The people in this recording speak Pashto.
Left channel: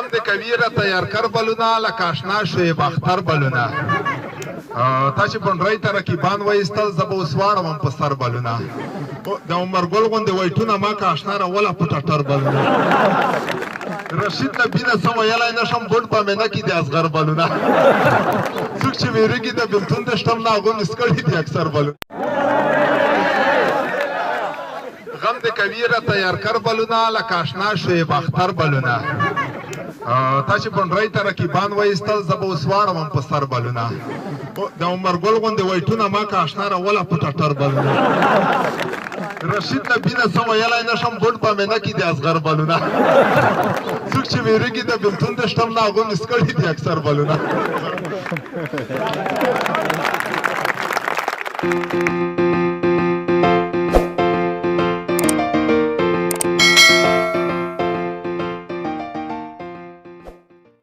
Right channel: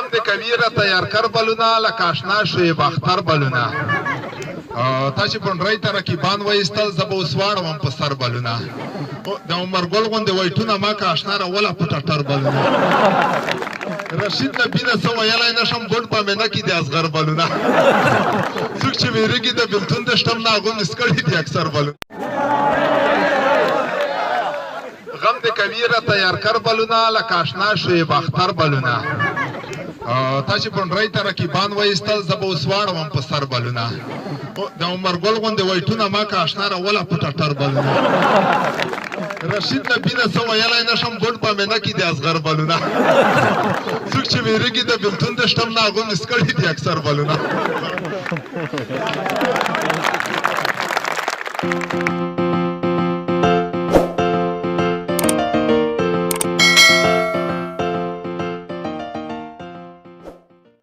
غم د کویره تیار کر بلونه لکه اشنا شعیب اختر بلونه تاسې پنډرۍ ته رقیبان وایستل زه به اوس واړوم په سر بلونه د عمرګل غوندې وایټونه ما که اشنا راوله په ټټر بلونه رشید نبي نه څه ویلی نه شم ګوډ په مینه کې د اصغر بلونه څوک چې ویرېږي د بېلتون د شتم نه هغو مس کړي دي اکثر بلونه غم د کویره تیار کر بلونه لکه اشنا شعیب اختر بلونه تاسې پنډرۍ ته رقیبان وایستل زه به اوس واړوم په سر بلونه د عمرګل غوندې وایټونه ما که اشنا راوله په ټټر بلونه رشید نبي نه څه ویلی نه شم ګوډ په مینه کې د اصغر بلونه څوک چې ویرېږي د بېلتون د شتم نه هغو مس کړي دي اکثر بلونه